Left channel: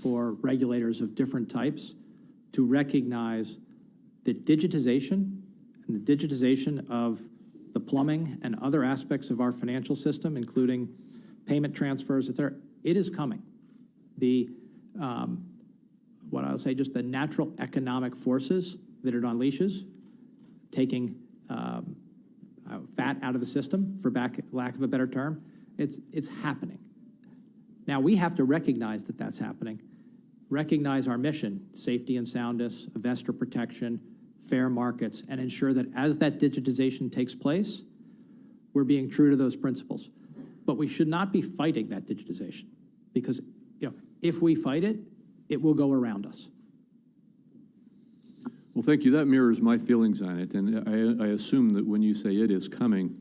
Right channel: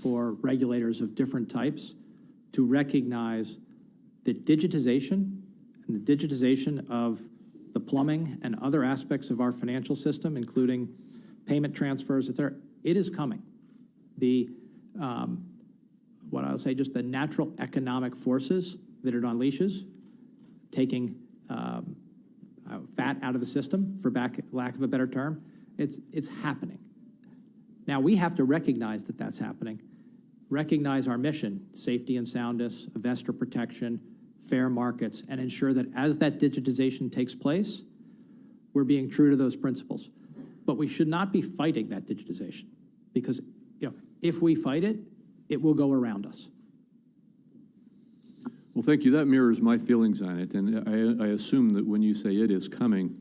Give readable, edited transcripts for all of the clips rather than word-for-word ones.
for regulators of different types to recognize that digitization and the digitization of the plumbing and other aspects of our financial system, including payment transfers, et cetera, it is coming. The, what I'll say, just the natural economic forces that it unleashes, taking fat out of the system, for lack of a better term, it's happening. Now, we have to recognize that that's happening, recognize our mission, safety and soundness, investor protection, fair markets, and ensure that as that digitization takes place, we're being true to those principles. But we should not be fighting that digitization, because if we fight it, it will go around us. Well, thank you. That mirrors my feelings on it, and I assume that when you say it is coming...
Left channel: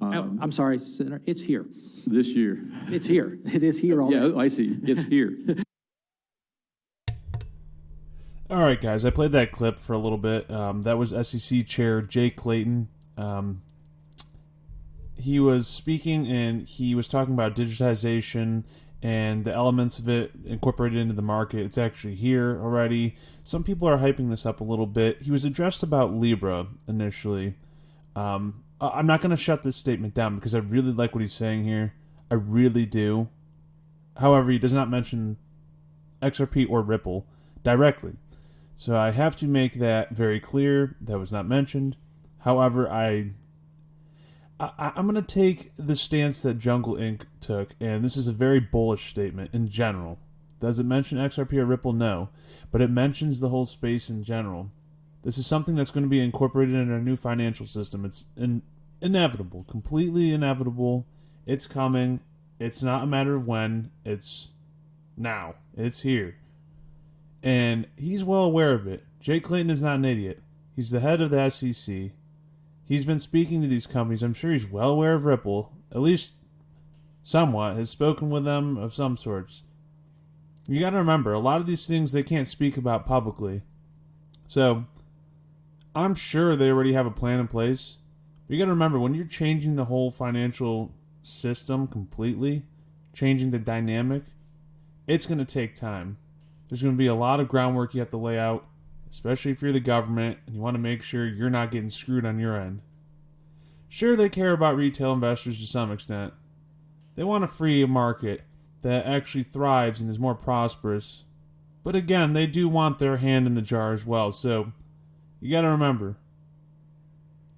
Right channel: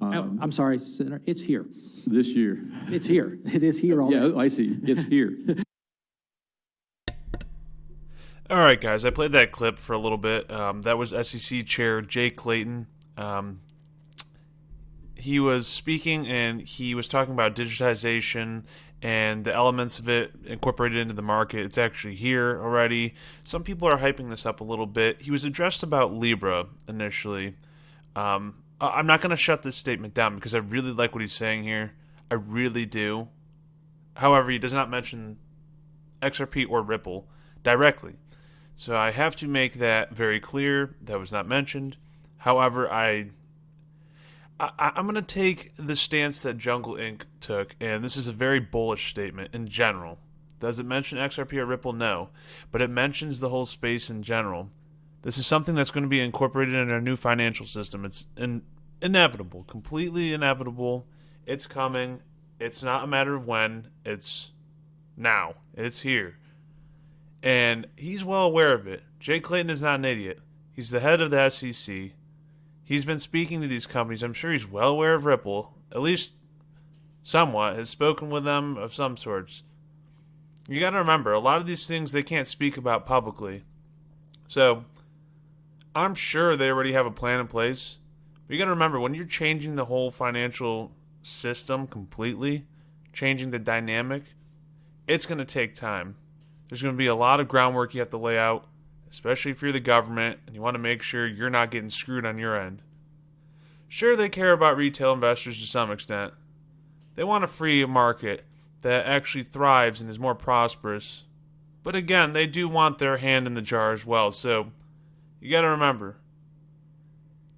I'm sorry, Senator, it's here. This year. It's here. It is here already. Yeah, I see. It's here. All right, guys, I played that clip for a little bit. That was SEC Chair Jay Clayton. He was speaking, and he was talking about digitization and the elements of it incorporated into the market. It's actually here already. Some people are hyping this up a little bit. He was addressed about Libra initially. I'm not going to shut this statement down because I really like what he's saying here. I really do. However, he does not mention XRP or Ripple directly. So I have to make that very clear. That was not mentioned. However, I'm going to take the stance that Jungle Inc. took, and this is a very bullish statement in general. Does it mention XRP or Ripple? No. But it mentions the whole space in general. This is something that's going to be incorporated in our new financial system. It's inevitable, completely inevitable. It's coming. It's not a matter of when. It's now. It's here. And he's well aware of it. Jay Clayton is not an idiot. He's the head of the SEC. He's been speaking to these companies. I'm sure he's well aware of Ripple, at least somewhat, has spoken with them of some sorts. You got to remember, a lot of these things they can't speak about publicly. So, I'm sure they already have a plan in place. But you got to remember, when you're changing the whole financial system completely, changing the dynamic, it's going to take time. There's going to be a lot of groundwork you have to lay out, especially if you're the government and you want to make sure you're not getting screwed on your end. Sure, they care about retail investors to some extent. They want a free market that actually thrives and is more prosperous. But again, they do want their hand in the jar as well, so you got to remember.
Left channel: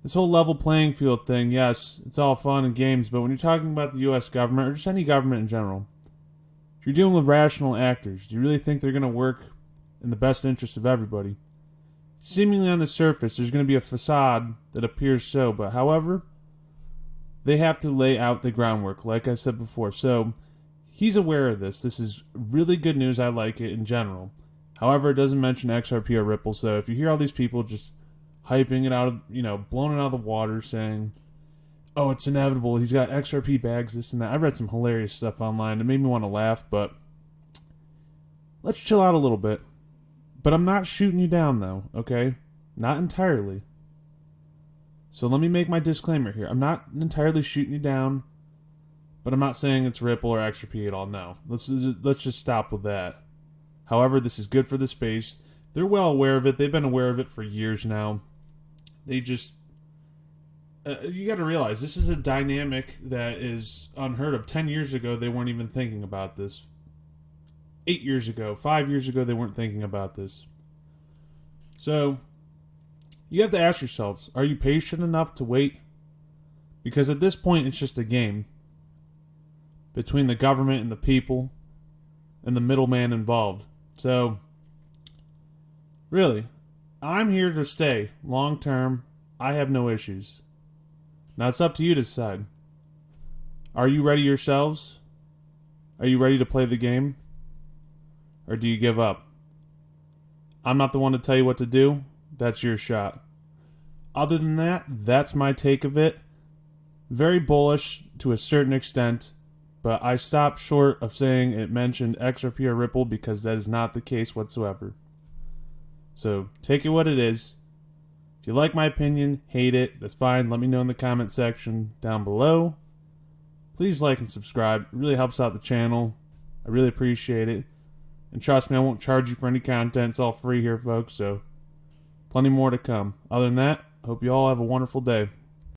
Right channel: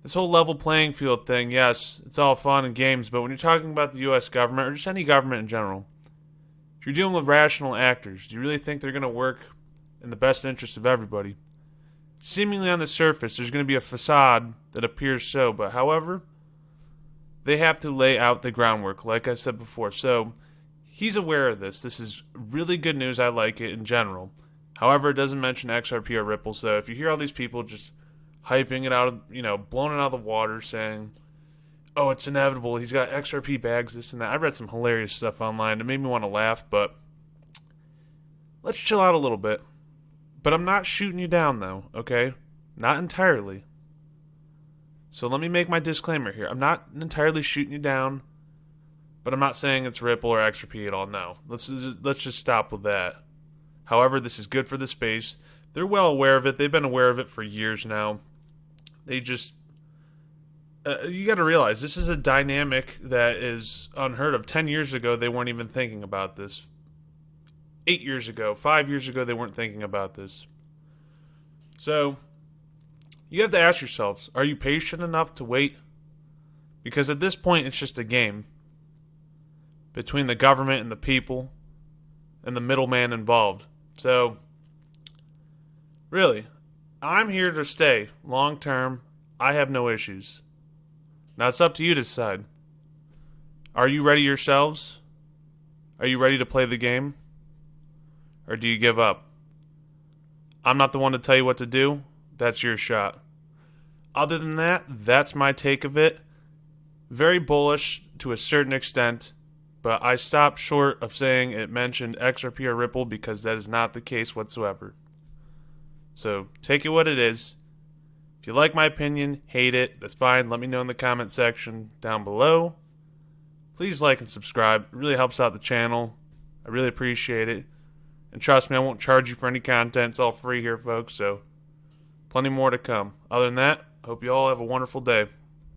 This whole level playing field thing, yes, it's all fun and games, but when you're talking about the U.S. government, or just any government in general, if you're dealing with rational actors, do you really think they're going to work in the best interest of everybody? Seemingly on the surface, there's going to be a facade that appears so, but however, they have to lay out the groundwork, like I said before. So, he's aware of this. This is really good news. I like it in general. However, it doesn't mention XRP or Ripple, so if you hear all these people just hyping it out of, blowing it out of the water, saying, oh, it's inevitable, he's got XRP bags, this and that. I read some hilarious stuff online. It made me want to laugh, but let's chill out a little bit. But I'm not shooting you down, though, okay? Not entirely. So let me make my disclaimer here. I'm not entirely shooting you down, but I'm not saying it's Ripple or XRP at all, no. Let's just stop with that. However, this is good for the space. They're well aware of it. They've been aware of it for years now. They just... you got to realize, this is a dynamic that is unheard of. 10 years ago, they weren't even thinking about this. 8 years ago, 5 years ago, they weren't thinking about this. So, you have to ask yourselves, are you patient enough to wait? Because at this point, it's just a game between the government and the people and the middleman involved. So, really, I'm here to stay long term. I have no issues. Now, it's up to you to decide. Are you ready yourselves? Are you ready to play the game? Or do you give up? I'm not the one to tell you what to do. That's your shot. Other than that, that's my take of it. Very bullish to a certain extent, but I stopped short of saying it mentioned XRP or Ripple because that is not the case whatsoever. So, take it what it is. If you like my opinion, hate it, that's fine. Let me know in the comment section down below. Please like and subscribe. It really helps out the channel. I really appreciate it. And trust me, I won't charge you for any content. It's all free here, folks, so plenty more to come. Other than that, hope you all have a wonderful day.